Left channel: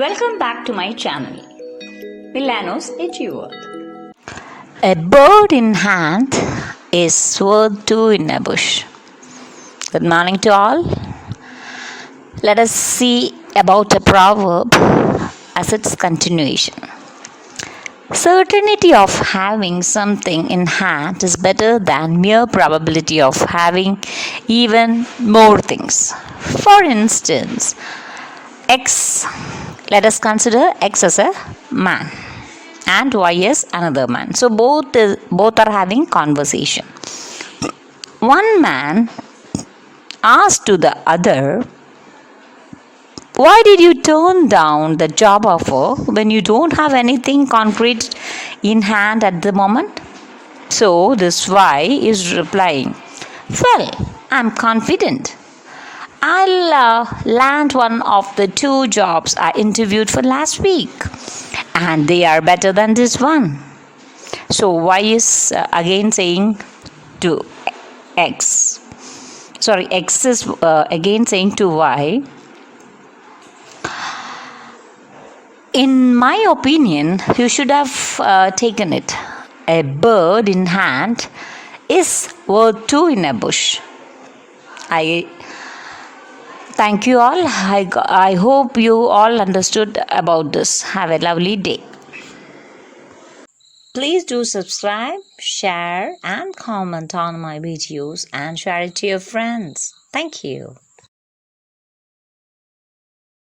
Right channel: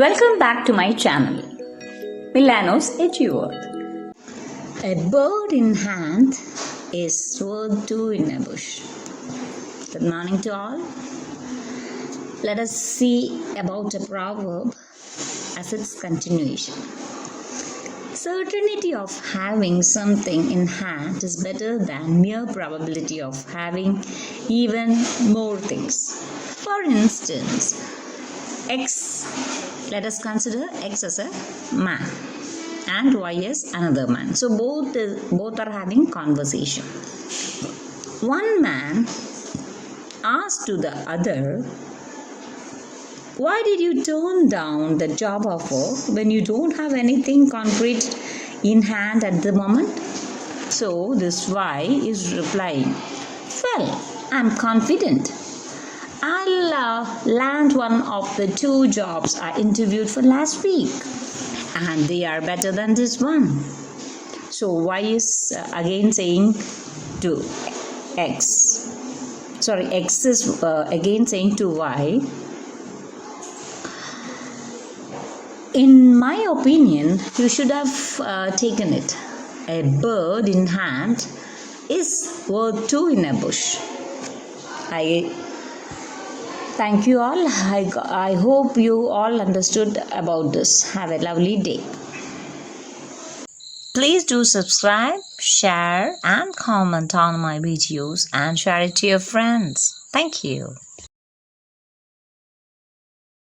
Welcome back to my channel, Milano's Eduworld. A bird in hand is worth two in a bush. Good morning to all. Let us see about a proverb as its continuation. Certainty of having something in hand is better than mere probability of having even more things. For instance, let us consider X as a man and Y as another man. So both are having conversation. One man asked to the other, "Why did you turn down the job offer when you don't have anything concrete in hand at the moment?" So this Y is replying, "Well, I'm confident I'll land one of the two jobs I interviewed for last week, and they are better than this one." So Y is again saying to X. X is again saying to Y, "In my opinion, you should have taken it. A bird in hand is worth two in a bush." I thank you all. I hope you all understood about this. Have a lovely day. Please do subscribe, share, and comment on my videos and share it to your friends. Thank you.